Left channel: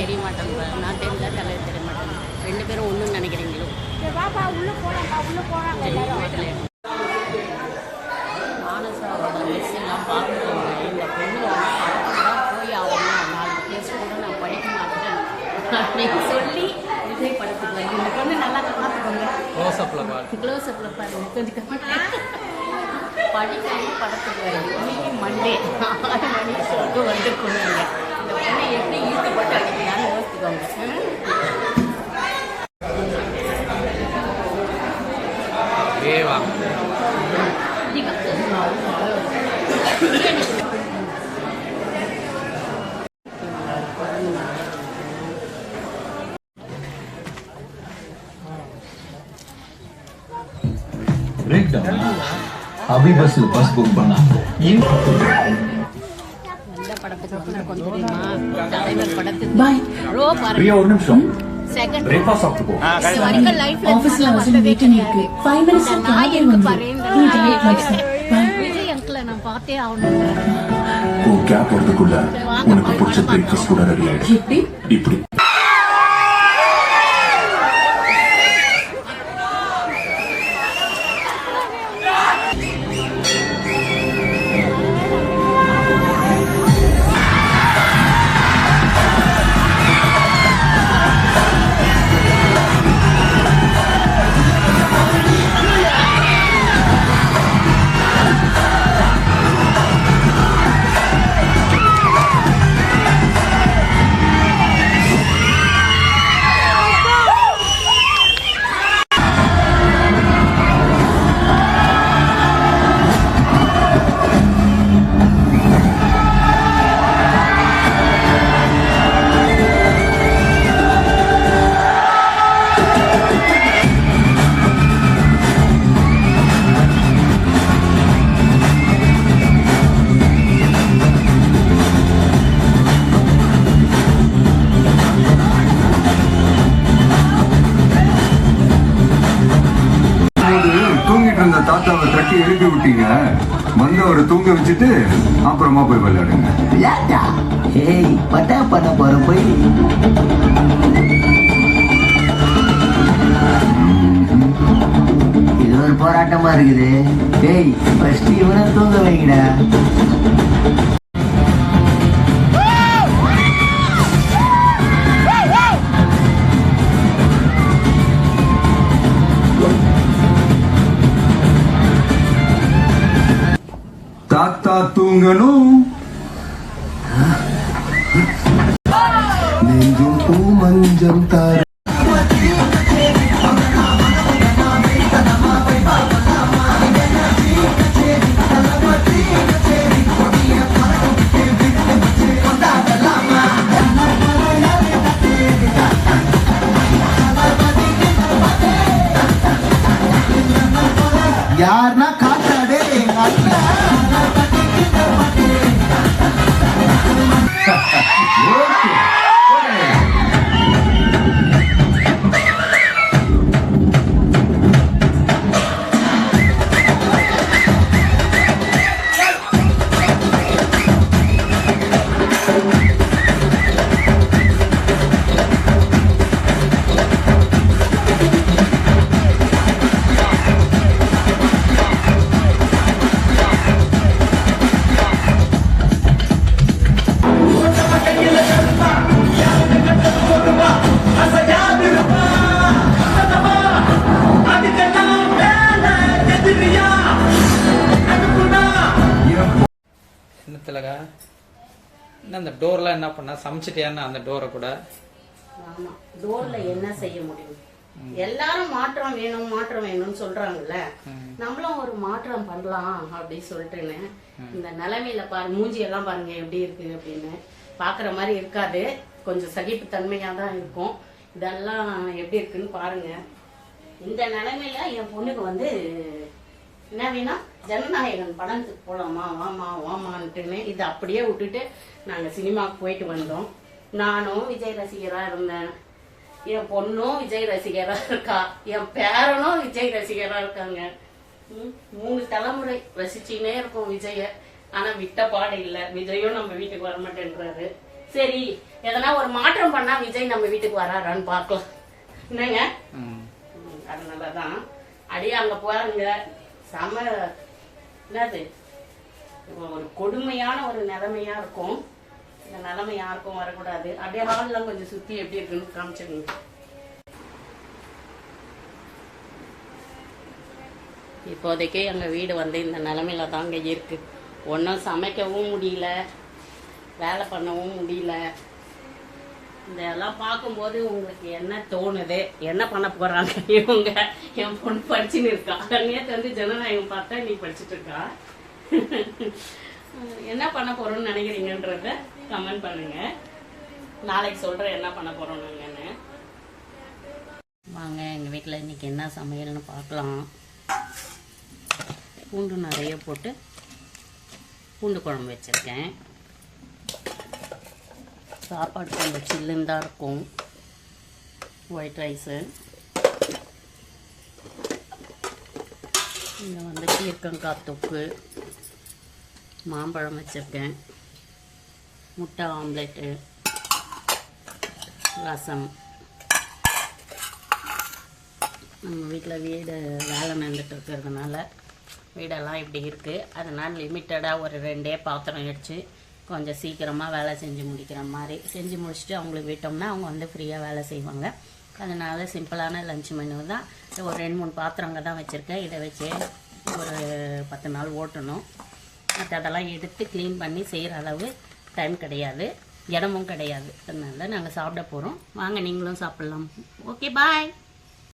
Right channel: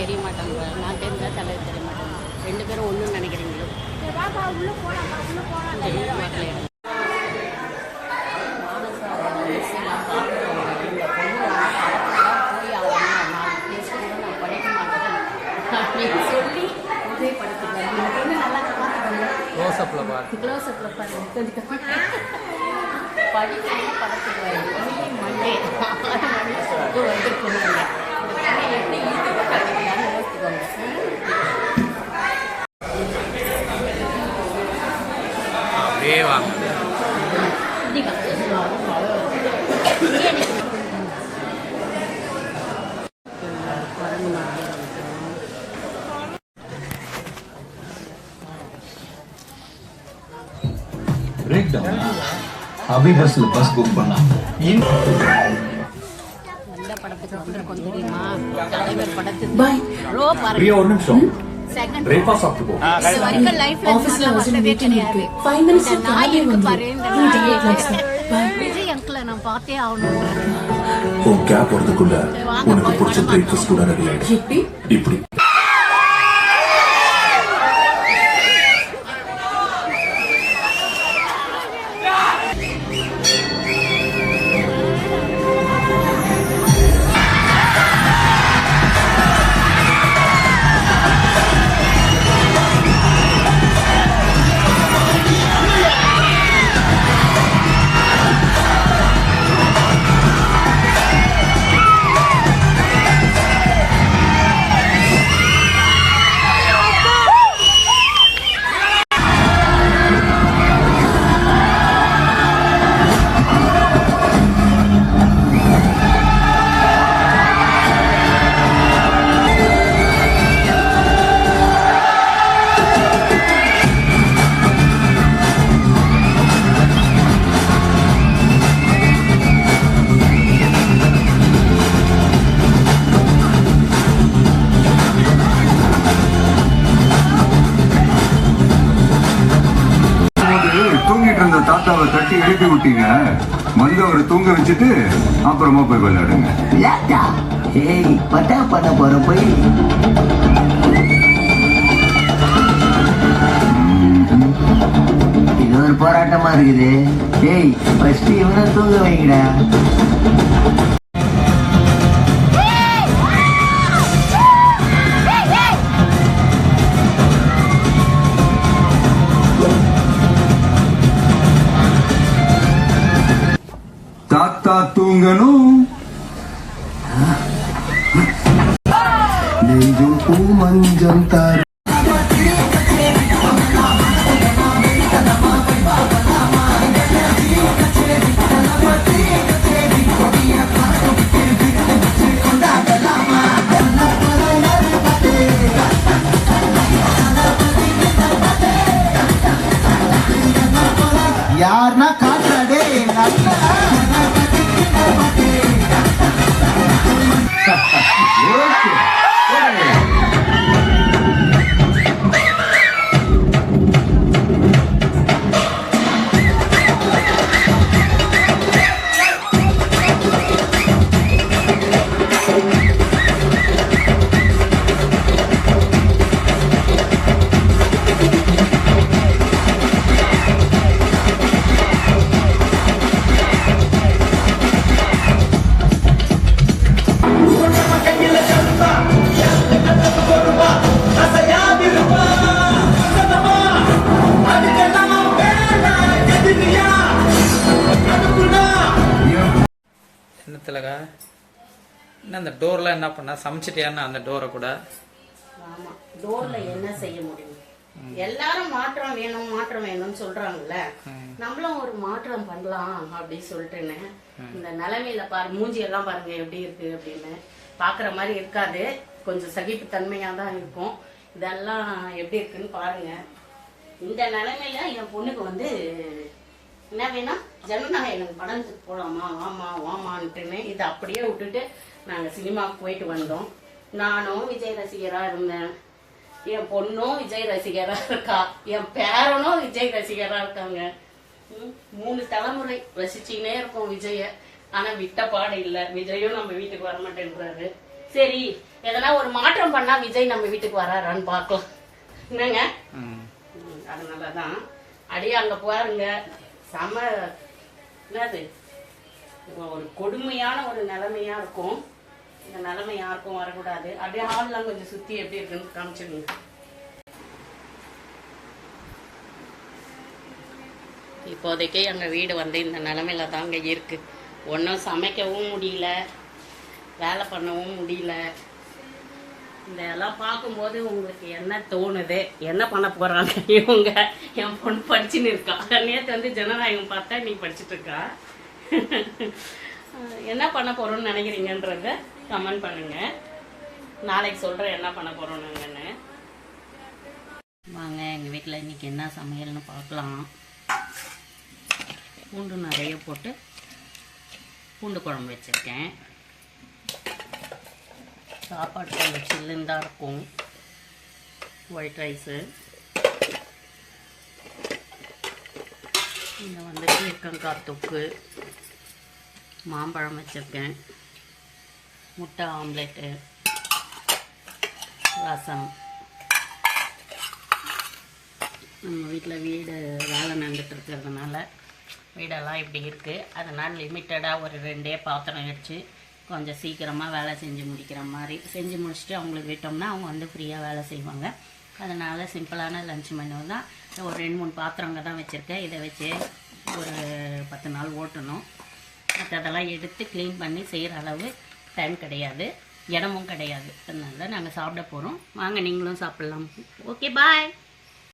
தெரிய மாட்டேன். நான் தெரிஞ்சா தலைவர் தெரிய மாட்டேன். 2 பேரும் ஒன்றுன்னு நினைக்கிறீங்களோ? மானசாவோட மிஸ் எல்லாம் பார்த்துக்கோங்க. இந்த பொண்ணு வந்து படத்துக்கு தான் போய் ஆகணும், 4 பேச கூட நான் படிக்க மாட்டேன் அப்படின்னு சொல்லி விஜய் படத்துக்கு வந்து இந்த பொண்ணு நல்லா பார்த்துக்கோங்க. க்ளோஸ்அப்பில் பாருங்க. கொஞ்சம் படிக்காம படத்துக்கு வரும். இன்னைக்கு மண்டே 6 மணி சொல்லிட்டு வந்துருக்கணுங்க. இந்த பொண்ணை எப்படி ஈடுபட்டு அடிக்கலான்னு யோசிச்சுக்கோங்க. அப்படியே வாங்க. अभी बस बुक बना நல்ல படத்துக்கு வந்திருக்கோம் தெரியுமா? தலைவர் படத்துக்கு ரோ பாருங்க. ஒரு நிமிஷம் செகண்ட் பிரேக்ஃபாஸ்ட் சாப்பிட்டு போ. இது வரைக்கும் லைஃப்ல ஆபீஸ்ல வந்ததே கிடையாது. 5 மினிட்ஸ் நாய் இருக்கு பாரு. இந்த நாய் விஜய் அங்கிளை நான் பார்த்தே ஆகணும்ன்றேன். ஓ கேப் வரதுக்குள்ள உனக்கு பிடிச்ச பிரேக்ஃபாஸ்ட் கூட ரெடி ஆயிடுச்சு. இப்படி தாத்தாவை தட்டி எழுப்பி விட்டீங்க. வந்து அவரை தூங்க வச்சுட்டு அப்புறமா போய் விளையாடுங்க. பண்ண போற போய் இது ஒரு போராட்டமா இருக்குது. டேய் ஃபர்ஸ்ட் இவனை தூங்க வைங்கடா. தாத்தா தூங்கணும். நெஞ்சும் பூ மஞ்சம் தார் யாருன்னா காட்டாடே என்னத்துலக்கா என்ன அந்த டோர்லாம் என்ன பண்ண சமைச்சிட்டியான்னு அந்த டோரை கூட? ஆமா, டோர்ல என்ன செய்ய முடியும்? எல்லாரும் மாற்றம் வேணும்னு சொல்றாங்கல்ல, நம்மளும் ஒரு மாற்றம் பண்ணலாம் அப்படின்னு சொல்லிட்டுன்னு இந்த நிலைமையில பாரு, மூஞ்சி எல்லாம் பாருங்க எப்படி இருக்கு அப்படின்னு. பாக்குற மாதிரி இருக்காது, கொஞ்சம் சகிப்பு தன்மையா தான் இருக்கும். இதெல்லாம் எப்படி இருக்குன்னு பாருங்க. இந்த நிலைமையில என் பொண்ணுக்கு வந்து என்ன வேணா, ஜனநாயகன் படத்துக்கு போலாமா, வாமான்ட்டுன்னு இதை அப்படியே விட்டுட்டு நாங்க சினிமாவுக்கு போயிட்டு வந்தோம். நானும் விஜய் ரசிகரா இருந்தேன், என் பொண்ணும் விஜய் ரசிகரா இருக்கா, என் பேரனும் விஜய் ரசிகரா இருக்காங்க. 3 தலைமுறை ரசிச்சுனே இருக்கும் விஜய. ஆனா விட்ட பாடு இல்ல, விஜயும் நம்ம வீட்டுக்கு வரமாட்டேன்றாரு. சரி எதனா ஒரு மாற்றம் பண்ணா விஜய் நம்ம வீட்டுக்கு வராரான்னு பார்க்கலாம். என்னங்க? அதனாலதான் அடியே அங்க பாருங்க, செம என்னது ஒரு கொடுமையான ஒரு நிலைமையா இருக்கும். இந்த நிலைமை யாருக்கும் வரக்கூடாது. அப்படியே ஹால்லாம் கொஞ்சம் சுத்தி எப்படி இருக்குன்னு காமிச்சிருங்க. இப்போதைக்கு எங்க வீடு வந்து இந்த நிலைமையில தாங்க இருக்கு. ஒன்றும் சமைக்கவும் முடியல, வேலை பண்ணவும் முடியல. இதெல்லாம் பார்க்கும்போது உங்களுக்கு என்ன தோணுது? என்ன பண்ண போறாங்க இவங்க? என் பொண்ணு படிச்சுன்னு இருக்கா. நேற்று வந்து ஜனநாயகம் பார்த்தா நீ படிச்சுட்டு இருக்கா. என்ன பண்ண போறோம்னு நினைக்கிறீங்கன்றத கமெண்ட் பண்ணுங்க. நாளைக்கு சொல்றேன் என்ன பண்ண போறோம் நாங்கன்னு. வாங்க எங்க வீட்டில் இன்னைக்கு என்ன சமையல்னு பார்க்கலாம். பூண்டு நிறைய போட்டு பூண்டு குழம்பு வச்சிருக்கேன். சாப்பாடு கொஞ்சம் சில்லுன்னு தான் இருக்கும். ஒயிட் ரைஸு, இங்கே வந்து பீர்க்கங்காய் தொக்கு, மாம்பழம் வச்சுருக்கேன், முட்டை ஆம்லெட்டு, ரசம். நம்ம வீட்டில் வீடு வேலை நடந்துட்டு இருக்கிறதுனால வீடெல்லாம் இப்படி இருக்குது. அதனால் லிமிட்டடாக ஒரு 2 பாத்திரம் வச்சு கொஞ்சம் சீக்கிரமாக வேலை செஞ்சு முடிக்கிற மாதிரி செஞ்சு முடிச்சுட்டு அவங்களுக்கு விட்டோம்னா அவங்க வந்து ஃப்ரீயாக வேலை செய்வாங்க. அதனால் சிம்பிளான லஞ்ச் மெனு தான். ஒரு 2-3 பாத்திரங்க தான் வச்சுருக்கேன். இதை வச்சு ஒரு 10 நாள் ஓட்டணும். மற்றதெல்லாம் எடுத்து க்ளீன் பண்ணி செய்கிற அளவு டைம் கிடையாது, இடமும் கிடையாது. அதனால நாங்கள் சாப்பிட போகிறோம். வாங்க நீங்களும் சாப்பிட்லாம். ஓகே, பாய்.